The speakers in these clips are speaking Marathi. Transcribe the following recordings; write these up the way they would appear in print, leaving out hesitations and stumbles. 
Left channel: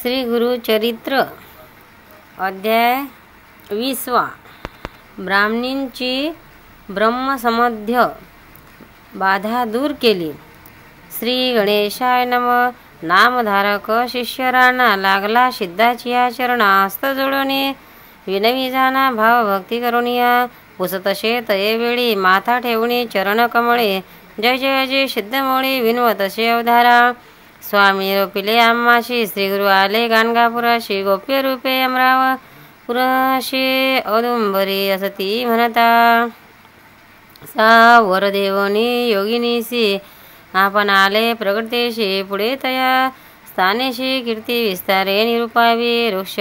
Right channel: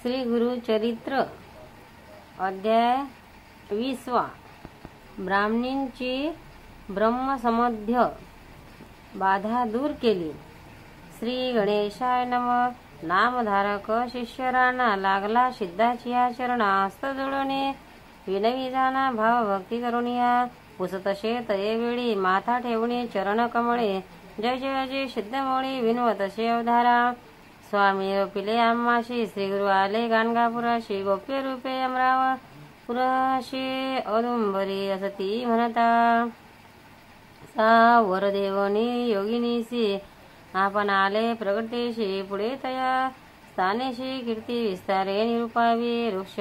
श्री गुरुचरित्र अध्याय 20. ब्राह्मणींची ब्रह्मसंबंधी बाधा दूर केली. श्री गणेशाय नम. नामधारक शिष्यराणा लागला सिद्धाची या चरणा हस्त जोडणे विनवी जाना भाव भक्ती करुणिया पुसतसे तये वेळी माथा ठेवणे चरण कमळे जय जय जय सिद्धमोळी विनवतसे अवधारा. स्वामी रोपिले आम्हाशी श्रीगुरु आले गाणगापुराशी गोप्य रूपे अमरावपुराशी औदुंबरी असती म्हणता. सा वरदेवनी योगिनीसी आपण आले प्रगटेशी पुढे तया स्थानेशी कीर्ती विस्तारे निरुपावी वृक्ष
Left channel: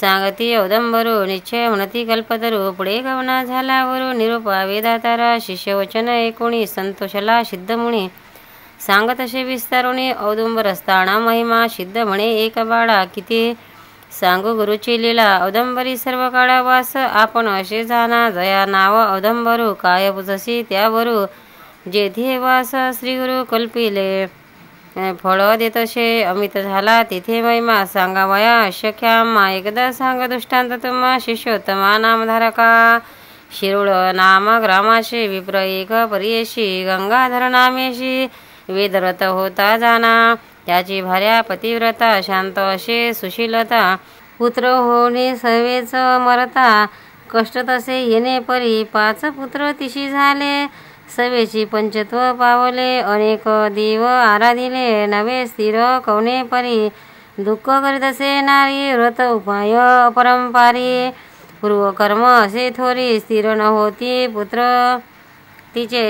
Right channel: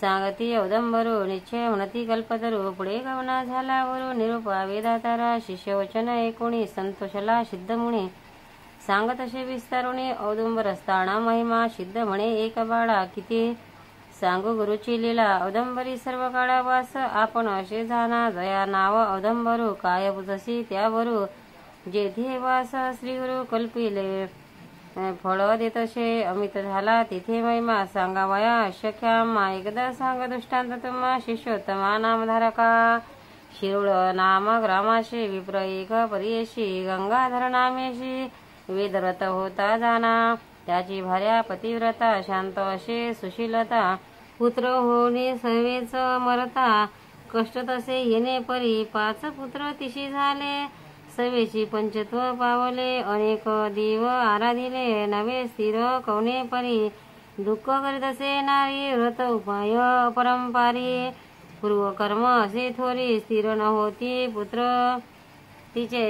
सांगती औदंबरू निश्चय म्हणती कल्पतरू पुढे गमना झाल्यावरू निरुपावे दातारा शिष्यवचन एकोणी संतोषला सिद्धमुनी सांगत असे विस्तारुणी औदुंबर असताना महिमा सिद्ध म्हणे एक बाळा किती सांगू गुरुची लीला औदंबरी सर्व काळा वास आपण असे जाना जया नाव औदंबरू काय पुजसी त्यावरू जेथे वास श्रीगुरु कल्पिले फळ देतसे अमित झाला तिथे महिमा सांगावया अशक्यामा एकदा सांग दृष्टांत तुम्हा शिष्योत्तमा नामधारका शिरुळ नाम ग्रामाशी विप्र एक परियेशी गंगाधर नामेशी वेदव्रत होता जाना त्याची भार्या पतिव्रता शांत असे सुशीलता पुत्र होणे सवेच मरता कष्ट तसे येणे परी 5 पुत्र तिशी झाले सवेची पंचत्व पावले अनेक देव आराधिले नवे स्थिर कवणे परी दुःख करीत असे नारी व्रत उपाय अपरंपारी पूर्वकर्म असे थोरी स्थिर न होती पुत्र तिचे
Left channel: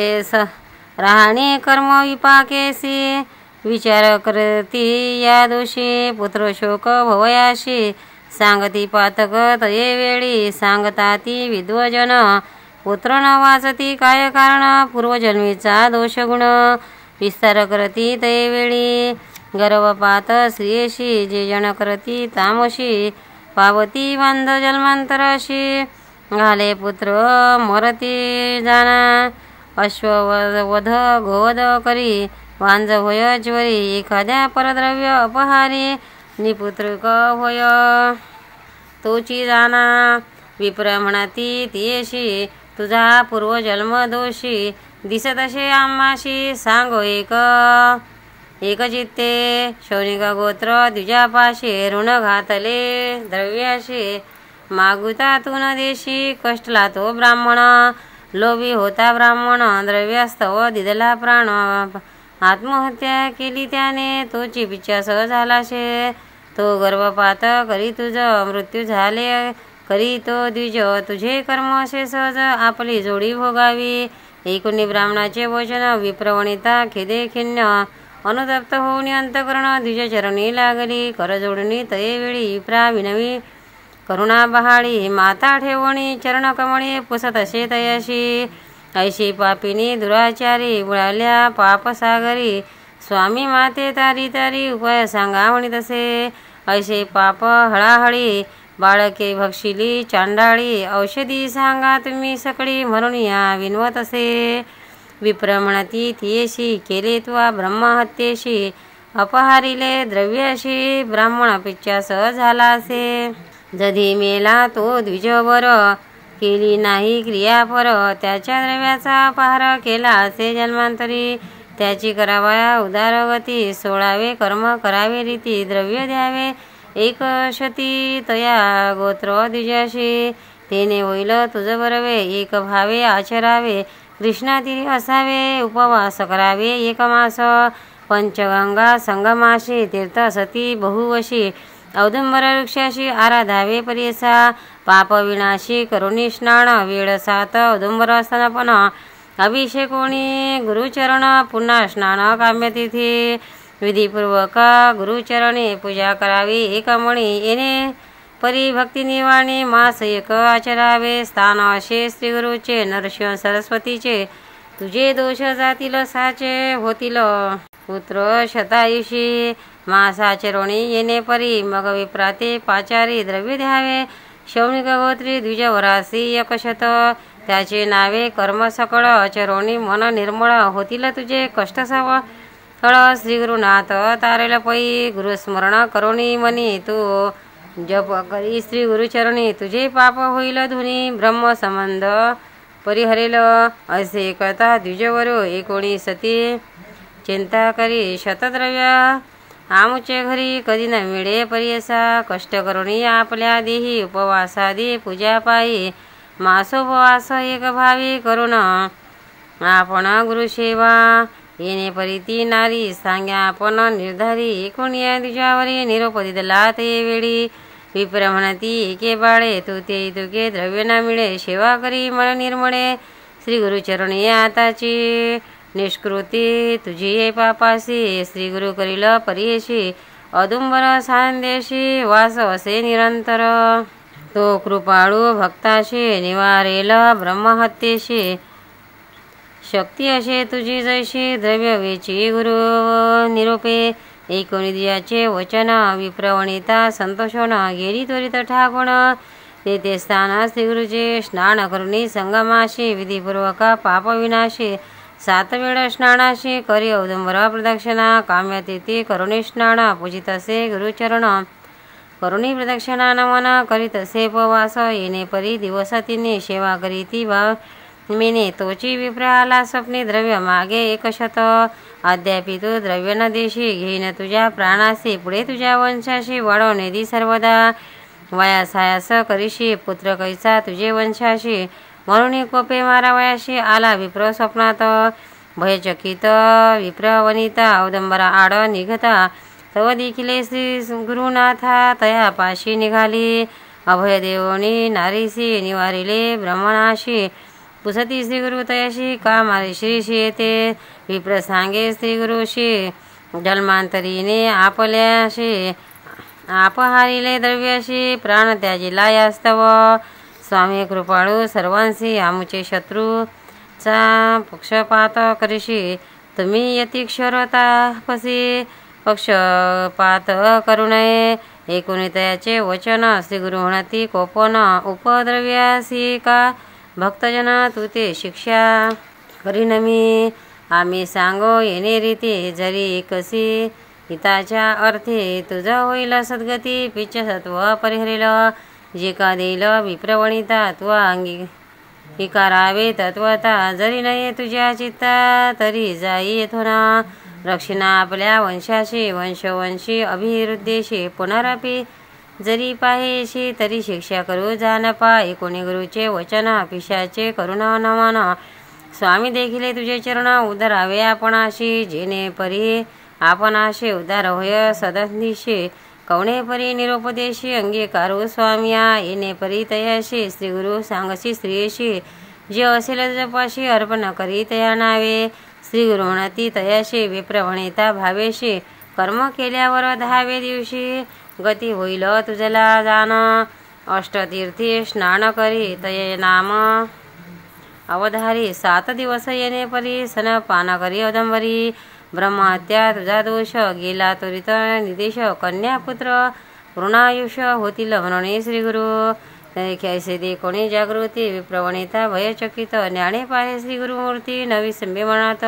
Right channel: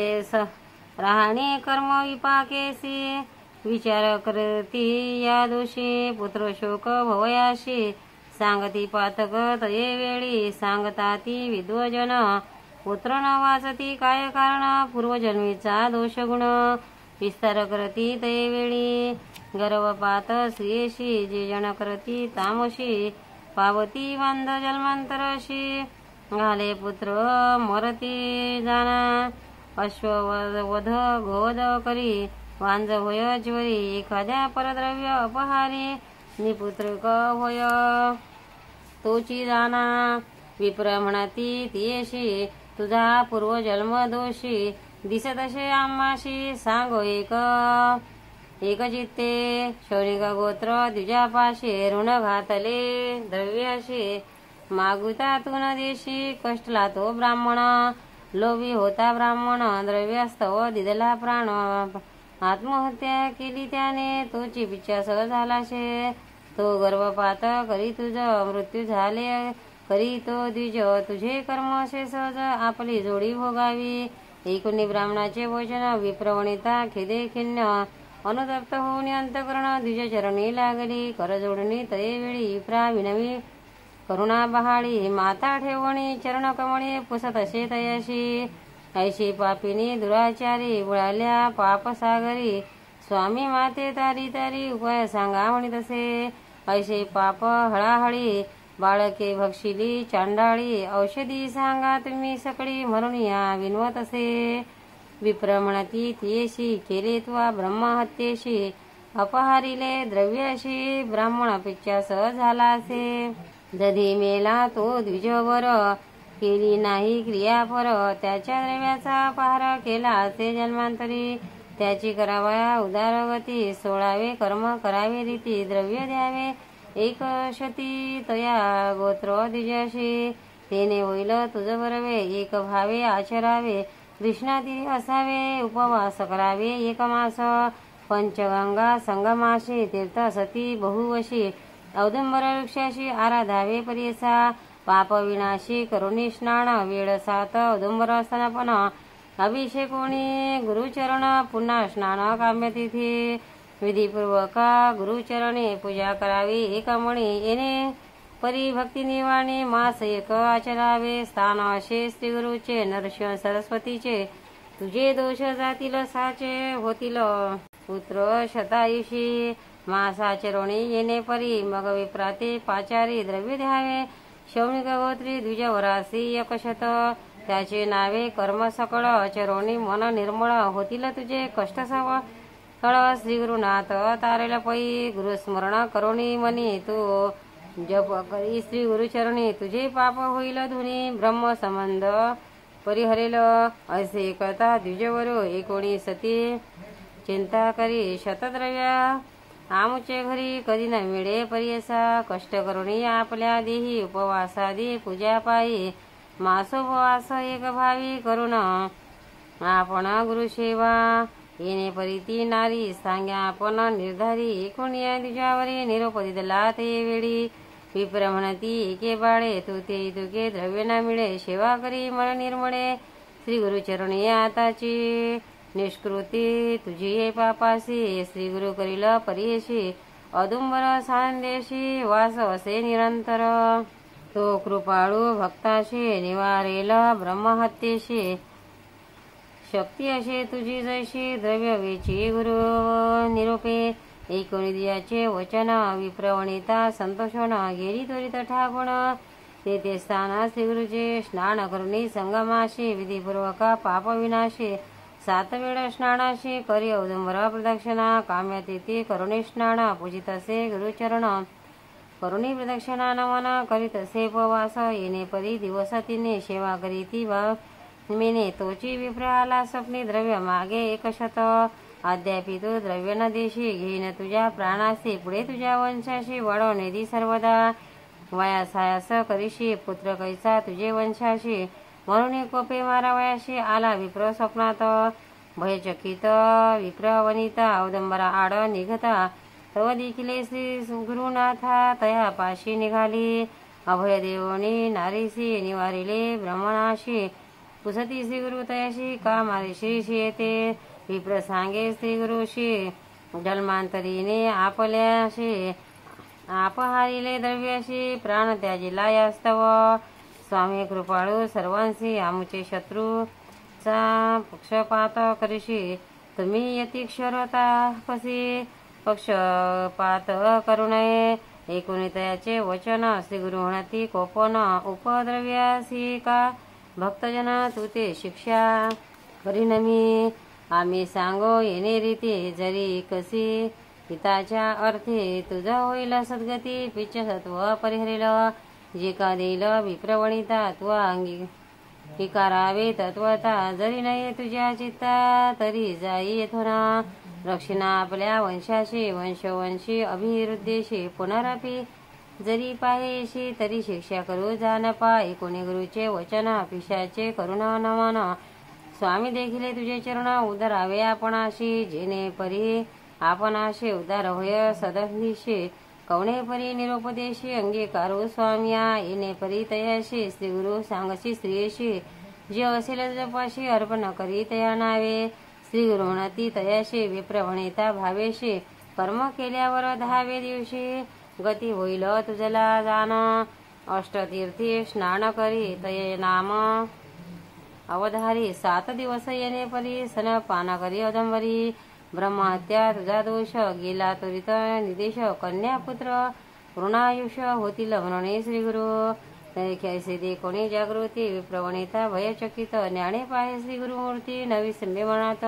राहणे कर्म विपाकेसी विचार करती या दोषी पुत्र शोक भवयाशी सांगती पातक तये वेळी सांगता ती विद्वजन पुत्र न वाचती काय कारण पूर्वजन्मीचा दोषगुण विस्तार करती तये वेळी गर्भपात स्त्रियेशी जे जन करती तामशी पावती बांध जन्मांतराशी घाले पुत्र मरती जाना अश्ववध गोवध करी वांज होय ज्वरी एखाद्या परद्रव्य अपहारी निपुत्रक होय तोची जाना विप्र म्हणती तियेशी तुझा पूर्वजन्म दोषी दिसत असे आम्हाशी सांगो एक चित्ते शौनिक गोत्र द्विजापाशी ऋण घातले द्रव्याशी मागुता तू न देशी कष्टला तो ब्राह्मण लोभी होता ब्राह्मण द्रव्यास्तव दिदला प्राण आत्महत्या केली त्याने तोची पिच्छास झालाशे तो गर्भपात करी तुझ मृत्यू झाले करी तो द्विज तुझे कर्म असे सहज आपली जोडी भोगावी. एकूणी ब्राह्मणाचे वचन विप्रवणिता खेदे खिन्न अनुतप्त होऊन अंतकरण द्विजचरणी लागली करजोडणी तये वेळी विप्रा विनवी करुणा बहाळी माता ठेवणी चरण कमळी पुसत असे तयाशी ऐशी पापिनी दुराचारी बुळाल्या पापसागरी स्वामी माते तारी तारी उपाय सांगा म्हणी तसे ऐसे पाप हळाहळी बाळके भक्षिली चांडाळी औषधी सांगा तुम्ही सकळी म्हणून या विनवत असे विप्र म्हणती तियेशी केले त्वा ब्रह्महत्येशी अपहारिले द्रव्याशी ब्राह्मण पिच्छास झाला असे जधी मेला तो द्विजवर केली नाही क्रियापर त्याच्या द्रव्याचा अपहार केला असे जन्मांतरी त्याची करावया उदारगती 16वे कर्म करावे रीती द्रव्य द्यावे एक शती तया गोत्र द्विजाशी तेने होईल तुझ बरवे एक भावे आचरावे कृष्णातीरी असावे उपवास करावे एक मास पंचगंगा संगमाशी तीर्थ सती बहुवशी औदुंबर वृक्षाशी आराधावे परियसा पाप विनाशी करुणी स्नान वेळ 7 औदुंबर स्तनपन अभिषेकोणी गुरुचरण पुन्हा स्नान काम्यतिथी विधीपूर्वक गुरुचरणे पूजा करावी एक मणी येणे परी भक्ती निवाणी मास एक आचरावे स्थान असे श्रीगुरुचे नरसिंह सरस्वतीचे तुझे दोष जातील साचे होतील पुत्र शतायुषी मासाचरणी येणे परी मग विप्राते पाचारी द्रव्य द्यावे शौनिक गोत्री द्विजवरासी 100 त्याचे नावे कर्म सकळ आचरणी मन निर्मळ होतील तुझे कष्ट सव स्थळ श्री गुरुनाथ तारेल पै गुरुस्मरण करोनी मनी तू जप करी श्री गुरुचरणी तुझे पाप होईल धुनी ब्रह्म संबंध परिहरेल असे करता द्विजवरो 19 चिंता करी शतद्रव्य आमुचे घरी कधी न मिळे परियसा कष्ट करुणी आपल्या देही उपवासादी पूजा पायी मासोपवास एक भावी करून आपण गुरुसेवा येणे परिती नारी सांग्या आपण निर्धारी कोणी तुझ्यावरी निरोप दिला ते वेळी विप्र म्हणती एके बाळे तू ते तुके द्रव्य न मिळे सेवा करी मन निर्मळे श्री गुरुचरणी आताची निष्कृती तुझी पापासी श्री गुरु करील परियशी औदुंबर सांदेशी वास असे निरंतर तो कृपाळू भक्ताशी निवारेल ब्रह्महत्येशी शक्ती असे तुझी जैशी द्रव्य वेची गुरु निरोपे एकोनिदियाचे वचन विप्रवणिता संतोषण गेली त्वरित ठाकून तेथे स्थान श्रीगुरुचे स्नान करुणी संगमाशी विधिपूर्वक पापविनाशी 7 वेळ स्नानाशी करी औदुंबर प्रदक्षिणा काम्यतिथी करुणी स्नान पूजित असे गुरुचरण करुणी प्रदक्षिणा नमन करीत असे उपवास येणे परी दिवस तिने सेवा करीती मेने तोची विप्र आला स्वप्नी द्रव्य मागे 100 अद्यापि तू द्रव्य न देशी घेईन तुझ्या प्राणाशी पुढे तुझ्या वंशाशी वाढवणे दी सर्वदा वयासायास करीशी पुत्र कैसा तुझे वंशाशी म्हणून कोपे मारावयाशी आला विप्र स्वप्नात भयचकित विप्र वनिता औदंबरा आड निघता तव देखिले श्री गुरुनाथा तया पाशी निघाली अभयदेवनी नारीशी निवारिले ब्रह्मणाशी पुसती श्री गुरु तयाशी का मारे श्रीशी येते विप्र सांगे श्री गुरुशी जन्मांतरीने आपल्याशी आपहारिले द्रव्याशी प्राण त्याजिला यास्तव स्वामी कृपाळू सर्वांशी आमुचे शत्रूचा पक्षपात करीशी तुम्ही यतिक्षरतापसी पक्षपात करू नये एकुणितयाचे वचन श्री गुरु म्हणती कोपन उपद्रव्यासी का भक्तजन तू ते शिक्षा करीन मी आम्ही सांगो येणे रीती जरी कशी हिताच्या अर्थी तुझा होईल सद्गती पिच्छ सत्व परिहरेल जे का देईल विप्रवणिता तू अंगीकारावे तत्वता जरी नये तुझ्या चित्ता तरी जाई येथोना रक्षिणा आपल्या वंशाशी वंशवंशी अभिवृद्धीशी पुनरपि जरी पाहेशी तरी शिक्षा करू जानपा एकोणी गुरुचे वचन पिशाचे करुणा नमन स्वामी देखिले तुझे चरण उदरावे आपणाशी जेणे परी आपणाशी उदार होय सदनिशी कवणे परी निरोपदेशी अंगीकारू स्वामिया येणे परी तयाशी श्री गुरु सांगशी स्त्रियेशी जे असेल जपाशी अर्पण करी तया नावे श्री गुरु म्हणती तयाशी विप्रवणिता भावेशी कर्म केल्यावर 10वे दिवशी गती होईल तुझला जाण अष्टतीर्थी स्नान करी तये नाम अवधारी 7 दिवस येणे परी सन पान करी औदंबरी ब्रह्महत्या तुझा दोष गेला त्वरित निदेश कन्यापुत्र ऋणायुष्य होतील म्हणून श्री गुरु कैसे दे कोणी जागृती विप्रवणिता भयचकित ज्ञाने पाहे श्री गुरुमूर्ती नवी संभे म्हणत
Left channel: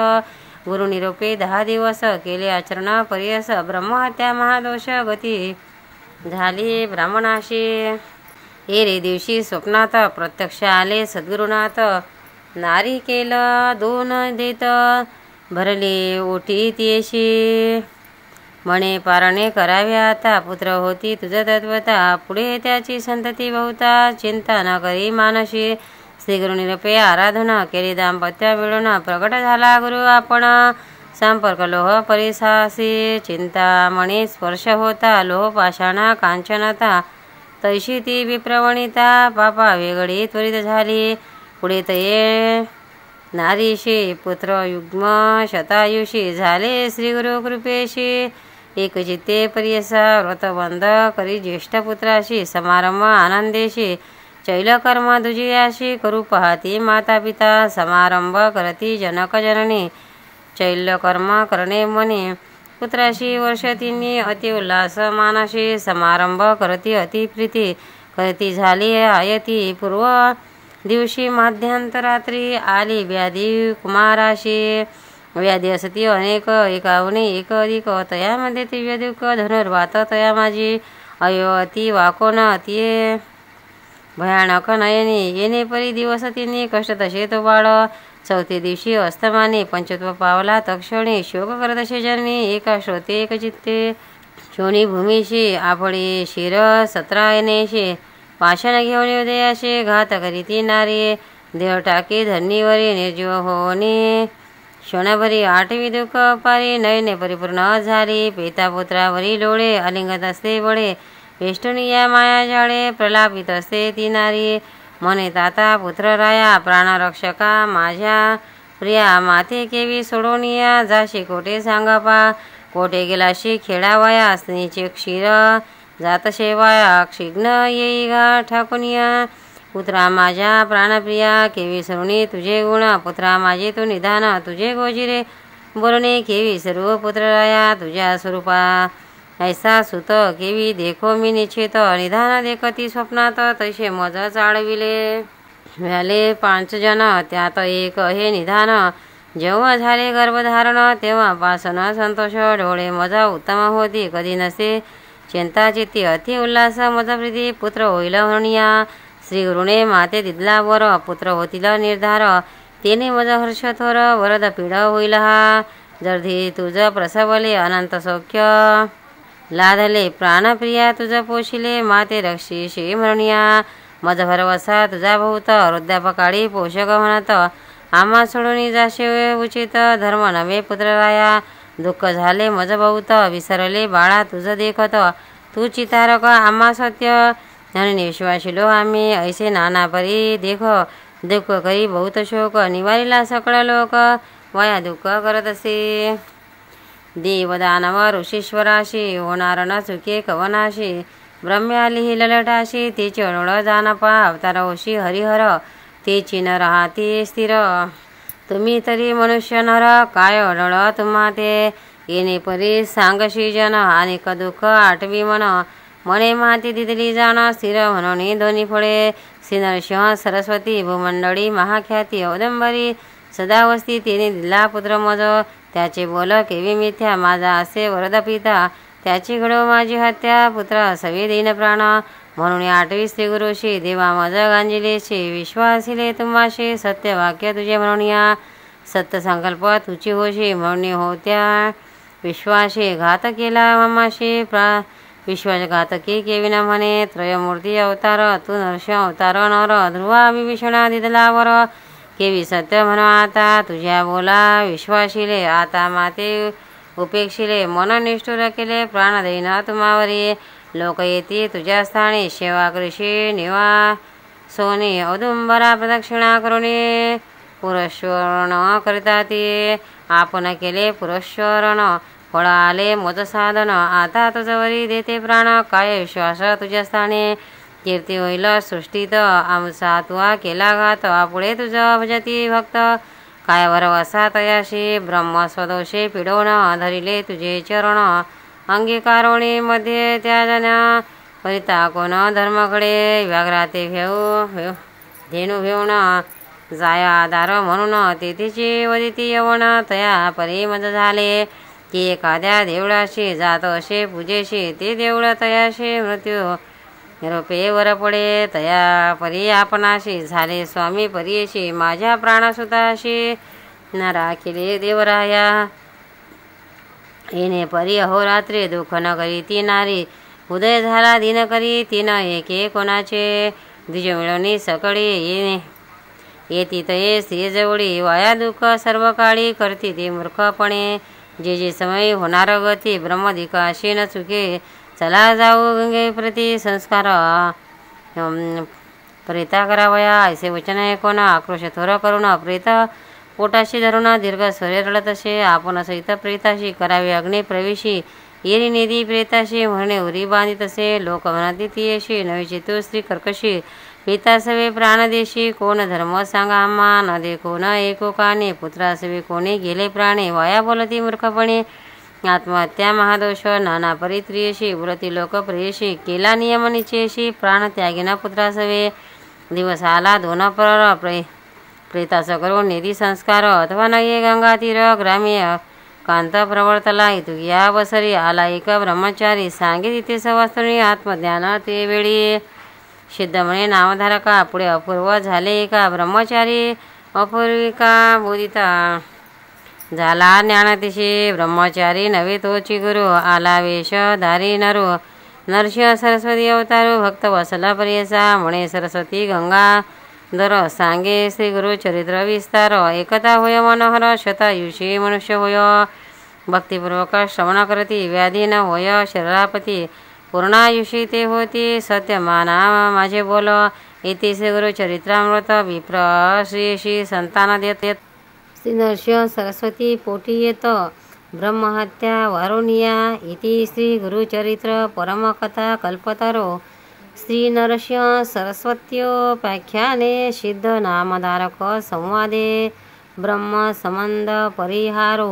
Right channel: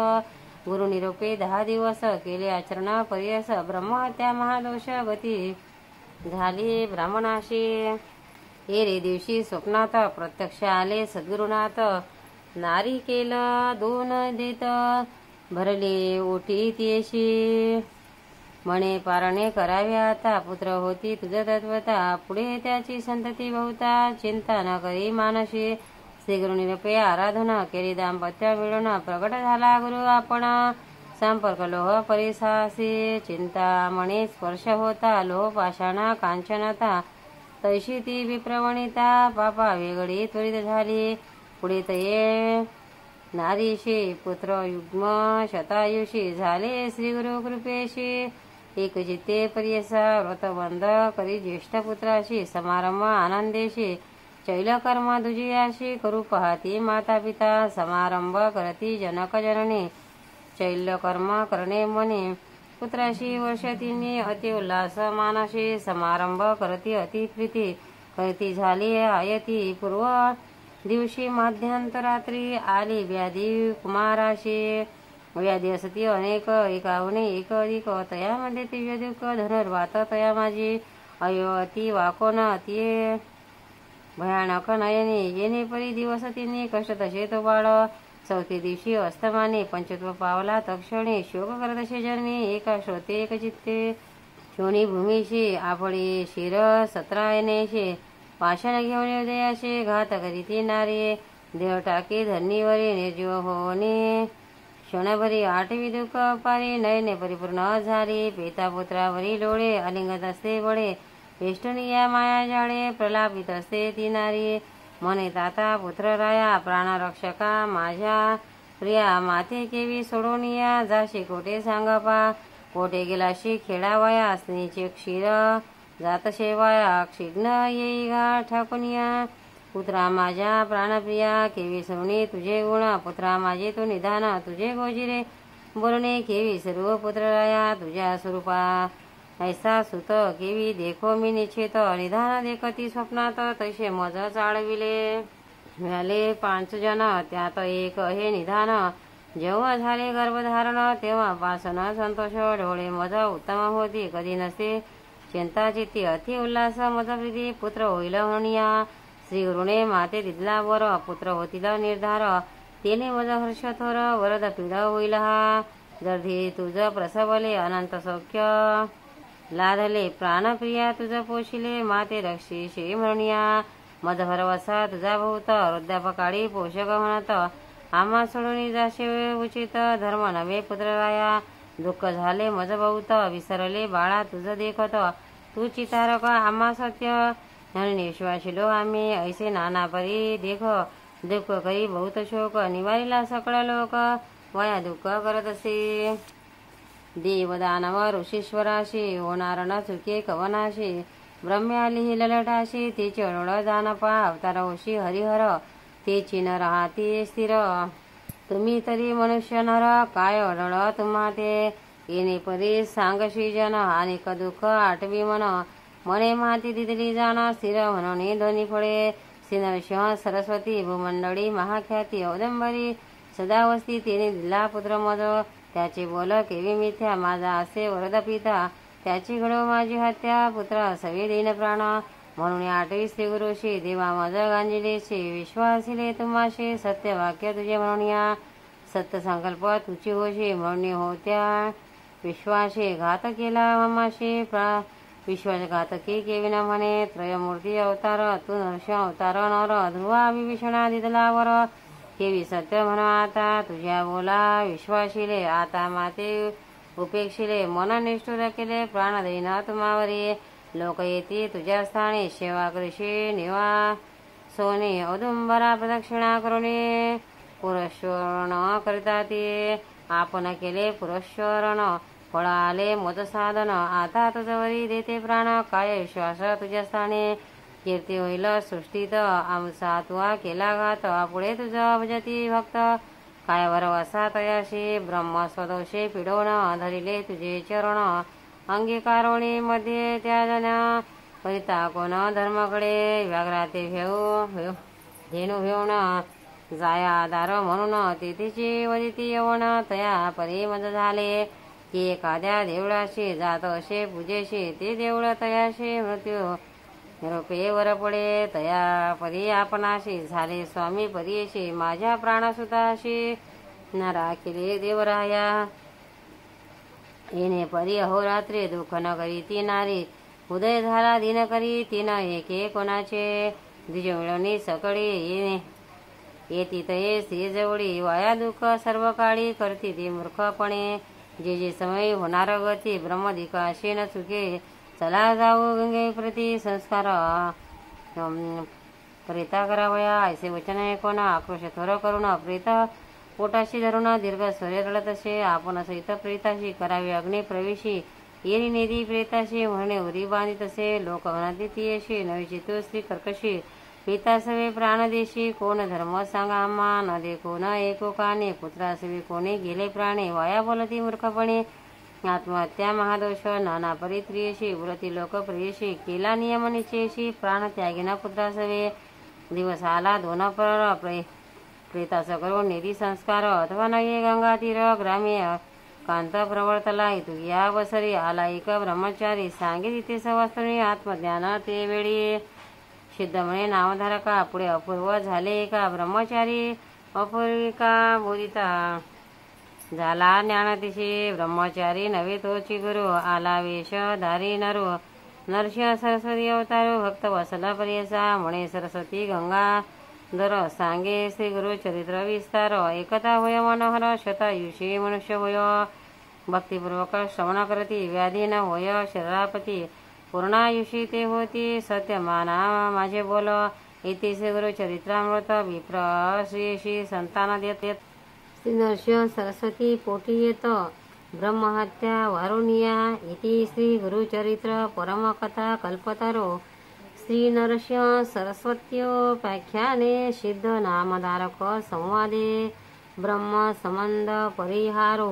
गुरु निरोपे 10 दिवस केले आचरण पर्यस ब्रह्महत्या महादोष गती झाली ब्राह्मणाशी एरे दिवशी स्वप्नात प्रत्यक्ष आले सद्गुरुनाथ नारी केलं 2 देत भरले ओटी तियेशी म्हणे पारणे करावे आता पुत्र होती तुझ तत्वता पुढे त्याची संतती बहुता चिंता न करी मानशी श्री गुरु निरपे आराधना केली दाम्पत्य मिळून प्रगट झाला गुरु आपण संपर्क लोह परिसासी चिंता मणी स्पर्श होता लोह पाषाणा कांचनता तैशी ती विप्रवणिता पापा वेगळी त्वरित झाली पुढे तये नारीशी पुत्र युग्म शतायुषी झाले श्री गुरु कृपेशी एक चित्ते परियसा व्रतबंध करी ज्येष्ठ पुत्राशी समारंभ आनंदेशी चैलकर्म दुजियाशी करू पाहती माता पिता समारंभ करती जनक जननी चैल्यकर्म करणे म्हणे पुत्राशी वर्षतींनी अति उल्हास मानाशी समारंभ करती अति प्रीती करती झाली आयती पूर्व दिवशी मध्यांतरात्री आली व्याधी कुमाराशी व्याधी असती अनेक एकावने एक अधिक तयामध्ये दिव्य दुःख धनुर्वात तया माझी अयोती वाकोन अति भयानक नयने येणे परी दिवस तिने कष्ट तसे तो बाळ चौथे दिवशी अस्तमाने पंचत्व पावला तक्षणी शोक करत असे जन्मी एका श्रोते एक चित्ते शोणी भूमीशी आपळे शिर 17 येणेशे पाषाण घेऊन उदयाशे घात करीती नारी देव टाके धरणीवरी निर्जीव होणे क्षणभरी 8वी दुःख पारी नयने परिपूर्ण झाली पिता पुत्रावरी डोळे अलिंगत असते बळे वेष्टुनी या माया जाळे प्रलापित असते ती नारी म्हणे ताता पुत्र राया प्राणरक्षका माझ्या प्रिया माते केवी सोडोनिया जाशी कोठे सांगा पा कोठे गेलाशी खेळावया स्त्रीचे क्षीर जात शेवाया क्षिग्न येई गा ठाकुनिया पुत्रा माझ्या प्राणप्रिया केवी सरुणी तुझे गुण पुत्रा माझे तू निधान तुझे गोजिरे बोलणे केवी सर्व पुत्रराया तुझ्या स्वरूपा ऐसा सुत केवी देखो मी निश्चित निधान देखती स्वप्नात तसे मज चाळविले झाले 5 जन त्यात एक हे निधान जेव्हा झाले गर्भधारण तेव्हापासून संतोष डोळे मजा उत्तम होती कधी नसे चिंता चित्ती अति उल्हास मज प्रीती पुत्र होईल म्हणूया श्री गुरुने माते दिदला वर पुत्र होतील निर्धार तेने मज हर्ष थोर वरद पीड होईल हा जर्धी तुझ प्रसवले अनंत सौख्य लाधले प्राणप्रिया तुझ पोशिले माते रक्षीशी म्हणूया मज भरवसा तुझा भूत वृद्धापकाळी पोषक म्हणत आम्हा सोडून जाशे उचित धर्म नवे पुत्रराया दुःख झाले मज बहुत विसरले बाळा तुझ देखत तू चितारक आम्हा सत्य आणि विश्वासिलो आम्ही ऐसे नाना परी देख दुःख करी बहुत शोक निवारीला सकळ लोक वया दुःख करत असे देवदानव ऋषीश्वराशी होणार न चुके कवनाशी ब्रह्म्याली ही ललटाशी तिची अडोळ जानपा अवतार होशी हरिहर तिची न राहती स्थिर तुम्ही तरी मनुष्य नर काय अडळ तुम्हा ते येणे परी सांगशी जन अनेक दुःख आठवी मन मने माती दिदली जाण स्थिर म्हणून दोन्ही फळे सिनरसिंह सरस्वती भूमंडळी महाख्याती औदंबरी सदावस्ती तिने दिला पुत्र मज त्याचे बोल केवी मिथ्या माझा असे वरद पिता त्याची घडव माझी हत्या पुत्र सवे देईन प्राण म्हणून 8वी श्री गुरुशी देवा मज गांजिलेशी विश्वासिले तुम्हाशी सत्य वाक्य तुझे म्हणून या सत्य संकल्प तुझी होशी म्हणून होत्या विश्वाशी घात केला ममाशी विश्वासघातकी केविन म्हणे त्रयमूर्ती अवतार तू नरसिंह अवतार नर ध्रुवा विभीषणा दिदलावर केवी सत्य म्हणा आता तुझ्या बोला विश्वासिले आता माते उपेक्षिले मन निष्ठुर केले प्राण देईन तुम्हावरी लोक येती तुझ्या स्थानी सेवा कृषी निवा सोनी औदुंबरा प्रदक्षिणा करुणी पुरस्वरण करिता ती आपण केले पुरस्वरण फळ आले मोज साधन आता तुझवरी देते प्राण काय विश्वास तुझ्या स्थानी कीर्ती होईल सृष्टीत आमचा तुआ केला घात पुढे तुझं भजती भक्त काय वरवसा तयाशी ब्रह्म स्वदोषे पिडवण धरिले तुझे चरण अंगीकारोणी मध्ये त्या जन्या करिता कोण धर्माकडे व्याघ्राते धेनू घेऊन जाय आधार म्हणून तिथीची वदिती यवण तया परी मज झाले की एखाद्या देवळाशी जात असे पूजेशी ते देवळ तयाशी मृत्यू निरोपे वर पडे तया परी आपणाशी झाले स्वामी परीशी माझ्या प्राणसुताशी न राखिले देवराया येणे परी अहोरात्री दुःख न करी ती नारी उदय झाला दिन करी तीन एके कोणाचे द्विज मिळवणी सकळी येणे येती तये स्त्री जवळी वाया दुःख सर्व काळी करती ती मूर्खपणे जे जे समय होणार गती ब्रह्मदिकाशी न चुके चला जाऊ गंगे प्रति संस्कार प्रेता करावया ऐसे वचन ऐकून आक्रोश थोर करून प्रेत पोटाशी धरून दीर्घ स्वरे रडत असे आपण सहित प्रेताशी करावे अग्नी प्रवेशी येरी निधी प्रेताशी म्हणणे उरी बांधित असे लोक म्हणती ती अशी नवीची तू स्त्री कर्कशी पिता सवे प्राणदेशी कोण धर्म सांगा आम्हा न देखो न एको काने पुत्रा सवे कोणी गेले प्राणे वाया बोलती मूर्खपणे आत्महत्या महादोष नाना परित्रियशी उरती लोक प्रियशी केला नियम निचेशी प्राण त्यागिना पुत्रा सवे दिवस आला दोन प्रेतास करून निधी संस्कार अथवा नये गंगातीर ग्राम्य कांत प्रवर्तला इतू या बसरी आला एक ब्रह्मचारी सांगे तिथे सवास्तुनी आत्मज्ञान ते वेळी सिद्ध म्हणे नामधारका पुढे अपूर्व झाले एका ब्रह्मचारी अपूर्विका बोधिता झाला ज्ञानतिशी ब्रह्मचारी नवे तोची गुरु आला वेश धारी नरो नरसिंह सरस्वती अवतारू भक्त वसला पर्यसा म्हणे सरस्वती गंगा दर सांगे श्री गुरु चरित्र विस्तार एकता होय मनोहर शतायुषी मनुष्य होय भक्तिपूर्वक श्रवण करती व्याधी न होय शरीरापती पूर्णायुषी ते होती सत्यमाना माझे बोल इति श्री गुरु चरित्रामृत विप्र श्री संतान देत श्री नरसिंह सरस्वती पोटी येत ब्रह्महत्या वारुणिया इति श्री गुरुचरित्र परमकथा कल्पतरो श्री नरसिंह सरस्वत्योपाख्याने सिद्ध नामधारक संवादे ब्रह्म संबंध परिहारो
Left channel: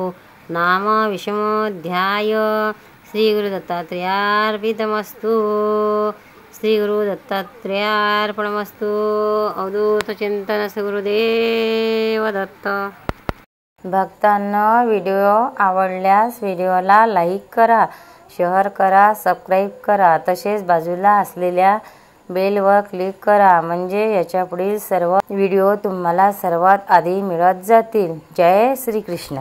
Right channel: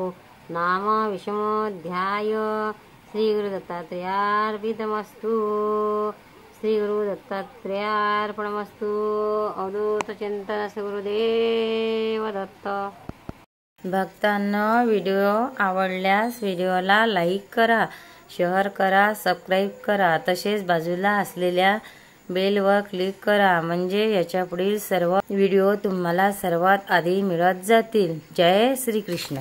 नाम विषमोध्याय श्री गुरु दत्तात्रेयार्पितमस्तु श्री गुरु दत्तात्रेयार्पणमस्तु अवधूत चिंतन श्री गुरुदेव दत्त। भक्तांनो व्हिडिओ आवडल्यास व्हिडिओला लाईक करा, शेअर करा, सबस्क्राईब करा, तसेच बाजूला असलेल्या बेलवर क्लिक करा म्हणजे याच्या पुढील सर्व व्हिडिओ तुम्हाला सर्वात आधी मिळत जातील। जय श्री कृष्ण।